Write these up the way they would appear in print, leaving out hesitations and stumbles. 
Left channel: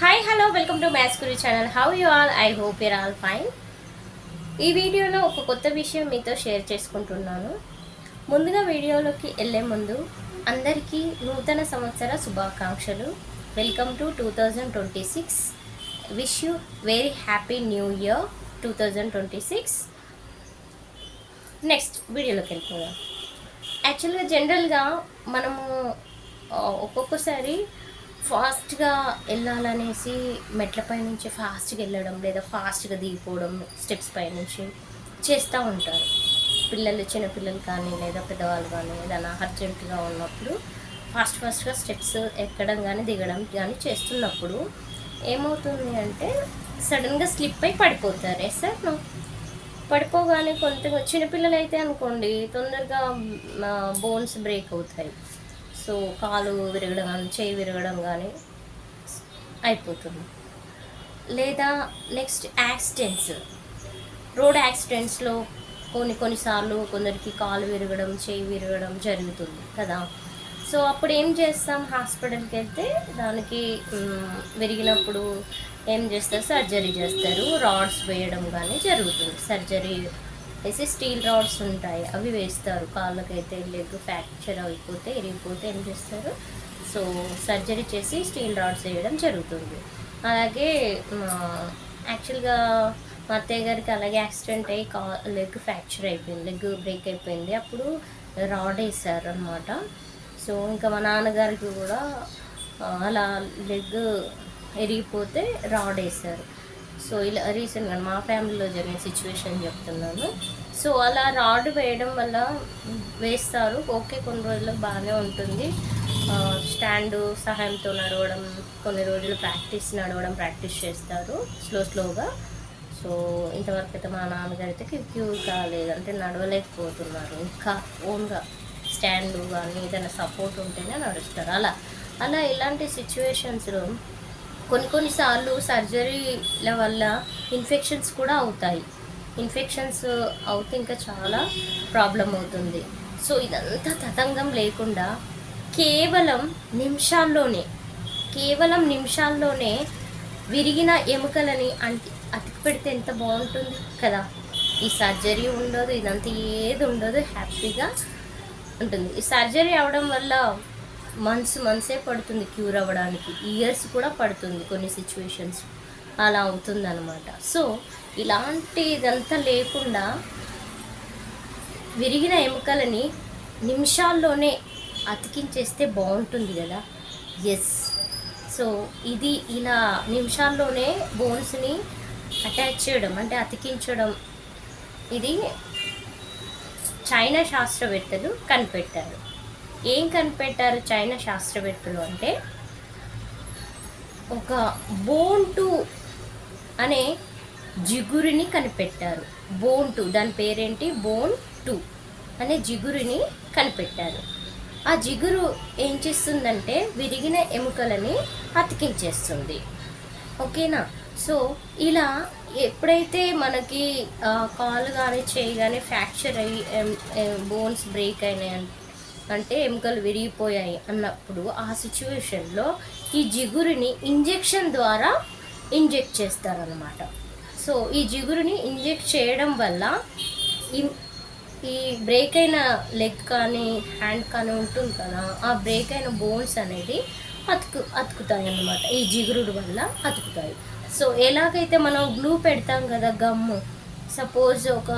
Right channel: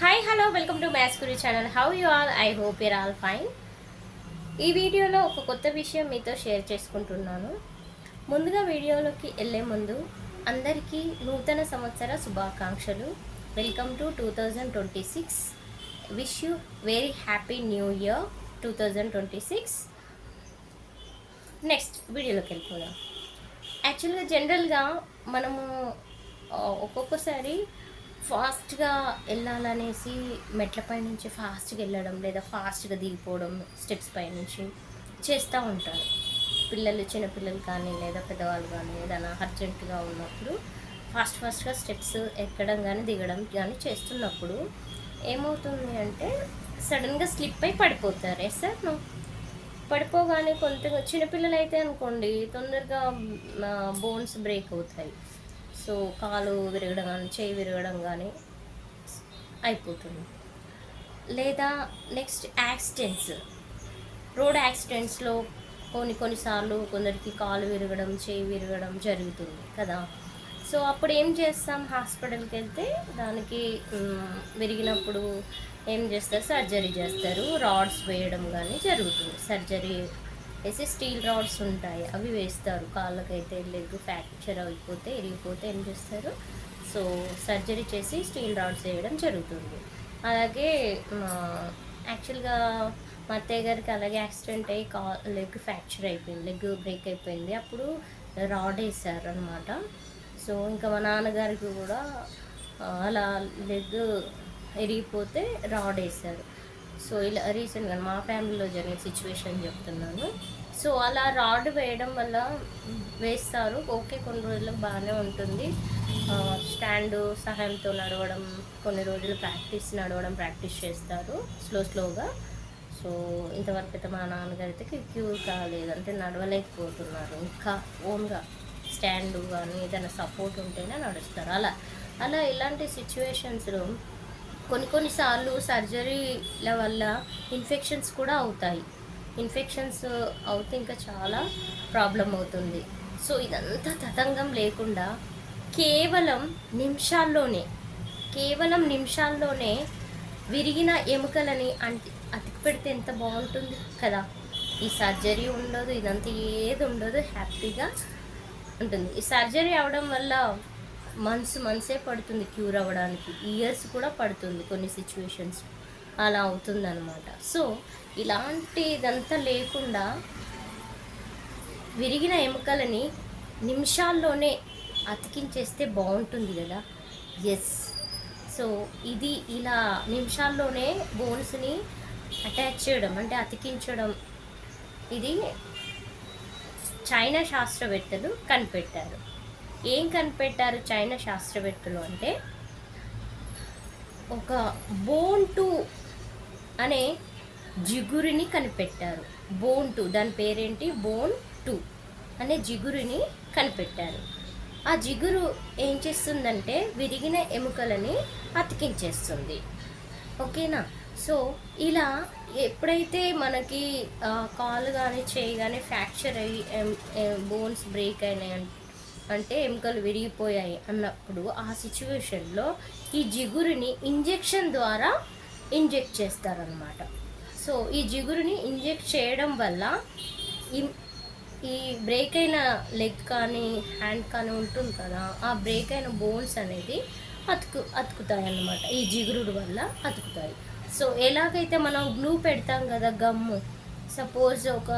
Hi hello welcome to maths Guru channel. How you all? I hope your all fine. ఈ వీడియోలో ఒక కొత్త విషయం మీతో షేర్ చేసుకుంటున్నాను. ముందుగా వీడియోలోకి వెళ్ళే ముందు అందరికీ నూతన సంవత్సర శుభాకాంక్షలు. Welcome to 2026. Wish you very happy new year 2026. Next వీడియోలోకి వెళ్ళిపోదాం. యాక్చువల్గా జనరల్గా మనము ఒక్కొక్కసారి ఫాస్ట్గా వెళ్ళాలనేసి మెట్లపై నుంచి ఫాస్ట్గా వెళ్ళడం లేదా ఫాస్ట్గా దిగిపోవడం స్టెప్స్ పై నుంచి చేస్తూ ఉంటారు పిల్లలు, చిన్నపిల్లలు కానీ లేదా పెద్దవాళ్ళు కానీ ఏదైనా అర్జెంటుగా ఉన్నప్పుడు ఫాస్ట్గా స్టెప్స్ ఎక్కడం కానీ దిగడం కానీ చేస్తున్నప్పుడు ఏమవుతుంది అంటే సడన్గా స్లిప్ అయి పడిపోతారు. సార్ పడిపోగానే కొంత చిన్నపిల్లలు అయితే అనుకోండి తొందరగా బోన్స్ బ్రేక్ అవుతాయి. సో కాలు విరగడం కానీ చేయి విరగడం కానీ అయిపోతుంది. లేదా నెక్స్ట్ యాక్సిడెంట్స్, రోడ్ యాక్సిడెంట్స్లో కొన్నిసార్లు కొందరికి కాలు విరగడం చేయి విరగడం జరుగుతుంది కదా. సో అప్పుడు ఏం చేస్తాం, హాస్పిటల్కి వెళ్తే దానికి విరిగినప్పుడు ఏం చేస్తారు, సర్జరీ చేస్తారు. రాడ్స్ వేయడం కానీ జరుగుతుంది. సర్జరీ వేసి స్టీల్ రాడ్స్ ఉంటాయి, అవి వేస్తారు. కాళ్ళకైతే లెగ్ ఫ్రాక్చర్ అయిపోతే ఇరిగిపోతే ఏం చేస్తారు, సో సర్జరీ చేసి స్టీల్ రాడ్స్ వేయడం జరుగుతుంది. అలాగే యాక్చువల్గా మా అత్తయ్య గారికి అలాగే యాక్సిడెంట్ అయ్యి లెగ్ ఫ్రాక్చర్ అయిపోయింది, లెగ్ బ్రేక్ అయిపోయింది. అప్పుడు రాడ్ వేసారు అనమాట. సో ఇంకా మా నాన్నగారికి కూడా అలా లెగ్ ఎరిగిపోతే రాడ్ వేసారు. సో ఇలా రీసెంట్గా మా ఫ్యామిలీలో జరిగిన సిచ్యువేషన్ చెప్తున్నాను. సో అలా రాడ్ వేయడం వల్ల వేస్తారు, ఓకే, కొన్ని రోజులకు బాగానే ఉంటుంది. స్టాండ్ సహాయంతో నడవడం, కొన్ని రోజులు ప్రాక్టీస్ చేస్తారు స్లోగా. సో ఇంతవరకు అయితే మా నాన్నగారు అయితే క్యూర్ కాలేదు, అంటే నడవలేకపోతున్నారు. ఇంకా ఓన్గా స్టాండ్ కానీ ఏదైనా సపోర్ట్ ఉంటేనే నడుస్తారు. అలా ఇలాంటి సిచ్యువేషన్స్లో కొన్నిసార్లు సర్జరీల వల్ల ఇన్ఫెక్షన్స్ కూడా అవుతాయి. ఇన్ఫెక్షన్స్ అవుతే ఇంకా చాలా ప్రాబ్లం అవుతుంది. సో ఇదంతా తతంగం లేకుండా కేవలం నిమిషాల్లోనే విరిగిన ఎముకలని అతికి పెడితే ఎంత బాగుంటుంది కదా. ఈ సర్జరీ ఉండదు, ఇదంతా ఏది ఉండదు, హ్యాపీగా ఉంటుంది. ఈ సర్జరీ అవడం వల్ల మంత్సే పడుతుంది క్యూర్ అవ్వడానికి, ఇయర్స్ కూడా పడుతుంది కొన్ని సిచ్యువేషన్స్, అలా అవుతుంది అనమాట. సో ఇదంతా లేకుండా విరిగిన ఎముకలని నిమిషాల్లోనే అతికించేస్తే బాగుంటుంది కదా. ఎస్, సో ఇది ఇలా నిమిషాల్లోనే బోన్స్ని అటాచ్ చేయడం అంటే అతికించడం, ఇది చైనా శాస్త్రవేత్తలు కనిపెట్టారు. ఏం కనిపెట్టారు చైనా శాస్త్రవేత్తలు అంటే, ఒక బోన్ టూ అనే జిగురుని కనిపెట్టారు. బోన్ టూ, దాని పేరేంటి, బోన్ టూ అనే జిగురుని కనిపెట్టారు. ఆ జిగురు ఏం చేస్తుందంటే విరిగిన ఎముకలని అతికించేస్తుంది. ఓకేనా. సో ఇలా ఎప్పుడైతే మనకి కాలు కానీ చేయి కానీ ఫ్రాక్చర్ అయ్యి బోన్స్ బ్రేక్ అయినాయి అంటే ఎముకలు విరిగిపోయాయి అన్నప్పుడు ఆ సిచ్యువేషన్లో ఈ జిగురుని ఇంజెక్షన్ ద్వారా ఇంజెక్ట్ చేస్తారనమాట. సో ఈ జిగురుని ఇంజెక్ట్ చేయడం వల్ల ఈ బ్రేక్ అయిన లెగ్ కానీ హ్యాండ్ కానీ ఉంటుంది కదా, ఆ బ్రేక్ అయిన బోన్స్ అనేది అతుకుతాయి అన్నమాట. ఈ జిగురుడు వల్ల అతుకుతాయి. సో ఎలాగైతే మనం గ్లూ పెడతాం కదా, గమ్ము, సపోజ్ ఒక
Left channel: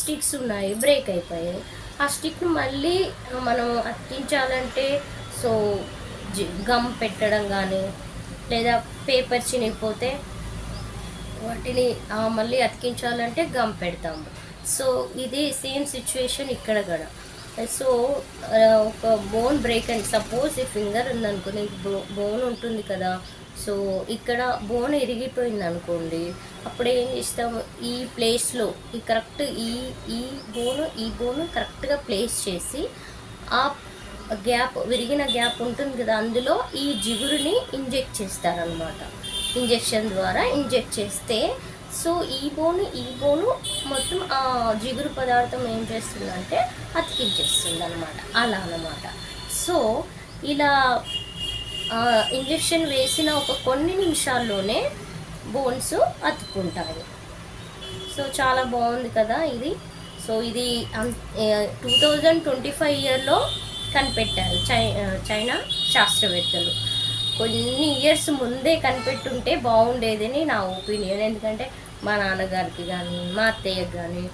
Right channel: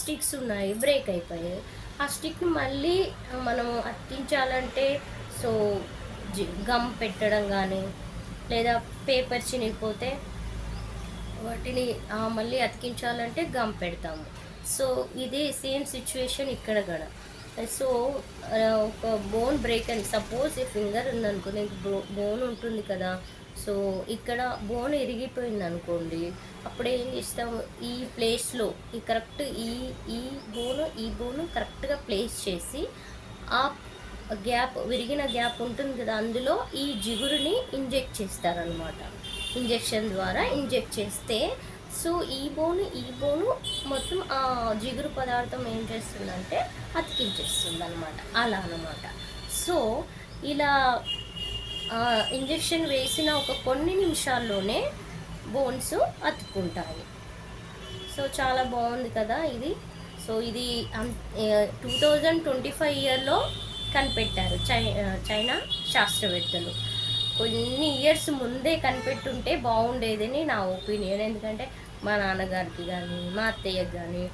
స్టిక్స్ ఉన్నాయి బ్రేక్ అయిపోయాయి, ఆ స్టిక్ని మళ్ళీ మనం అతికించాలంటే సో గమ్ పెట్టడం కానీ లేదా పేపర్ చినిగిపోతే వాటిని మళ్ళీ అతికించాలంటే గమ్ పెడతాము. సో ఇది సేమ్ సిచ్యువేషన్ ఇక్కడ కూడా. సో ఒక బోన్ బ్రేక్ అని సపోజ్ ఈ ఫింగర్ ఉందనుకోండి, బోన్ ఉంటుంది కదా. సో ఇక్కడ బోన్ ఇరిగిపోయింది అనుకోండి, అప్పుడు ఏం చేస్తాము, ఈ ప్లేస్లో ఈ కరెక్ట్ ఈ బోను కరెక్ట్గా ప్లేస్ చేసి ఆ గ్యాప్, విరిగిన గ్యాప్ ఉంటుంది కదా, అందులో ఈ జిగురుని ఇంజెక్ట్ చేస్తారనమాట. ఇంజెక్షన్ ద్వారా ఇంజెక్ట్ చేస్తే సో ఈ బోను మొత్తం ఆ జిగురు పదార్థం ఏం చేస్తుందంటే అతికించేస్తుంది అనమాట. అలా అనమాట. సో ఇలా ఇంజెక్షన్ వేసిన ఒక కొన్ని నిమిషాల్లోనే బోన్స్ అతుక్కుంటాయి. సో చాలా బాగుంది కదా ఇది. సో ఇది 2025 ఇయర్లో కనిపెట్టారు చైనా శాస్త్రవేత్తలు. కొన్ని ఇయర్స్ ముందే కనిపెట్టుంటే బాగుండేదని నా ఒపీనియన్. ఎందుకంటే మా నాన్నగారికి కానీ మా అత్తయ్యకి కానీ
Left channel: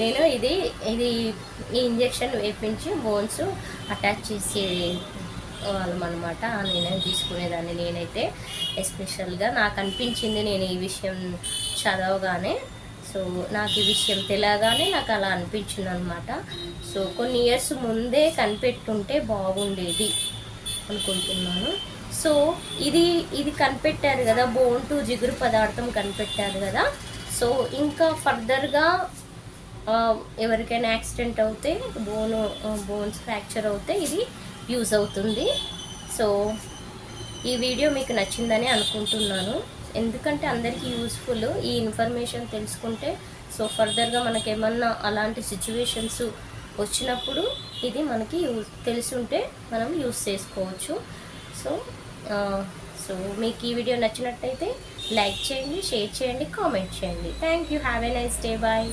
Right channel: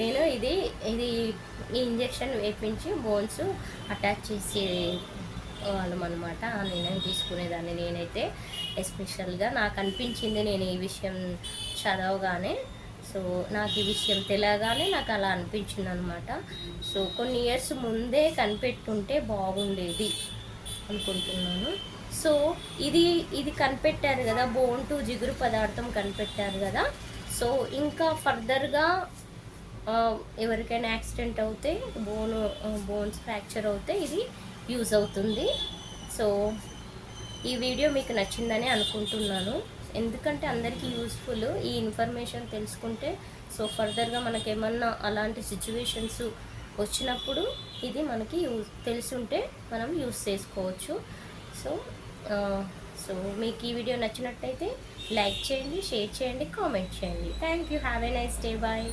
నేను ఇది ఈ ఇంజెక్షన్ వేపించి బోన్స్ అటాచ్ చేసే వాళ్ళమన్నమాట. నేను తీసుకునేదాన్ని. నేనైతే ఎస్పెషల్గా నాకు అనిపించింది, నేను ఈ విషయం చదవగానే, సో నాకు ఈ విషయం తెలియగానే నాకు అలా అనిపించింది అనమాట. సో కొన్ని ఇయర్స్ ముందే కనిపెట్టుంటే బాగుండేది అనుకుంటున్నాను. సో ఇది కనిపెట్టారు కదా, బోన్ టు జిగురు పదార్థం కనిపెట్టారు కదా. సో ఇంకా ఫర్దర్గా ఎవరికైనా యాక్సిడెంట్ అవుతే బోన్స్ ఫ్రాక్చర్ అవుతే ఇది యూజ్ అవుతుంది. సో ఈ వీడియో మీకు నచ్చిందని అనుకుంటున్నాను. ఎందుకంటే అందరికీ యూస్ఫుల్ ఈ ఇన్ఫర్మేషన్ తెలుసుకుంటే. సో ఫర్దర్గా మనకి ఏమన్నా అలాంటి సిచ్యువేషన్స్ వచ్చినప్పుడు ఇది మనకి తెలుసుంటే మనం యూస్ చేసుకోవచ్చు. సో మీకు ఈ వీడియో నచ్చినట్టయితే లైక్ చేయండి, షేర్ చేయండి, కామెంట్ చేయండి. Thank you. Have a nice day. Bye.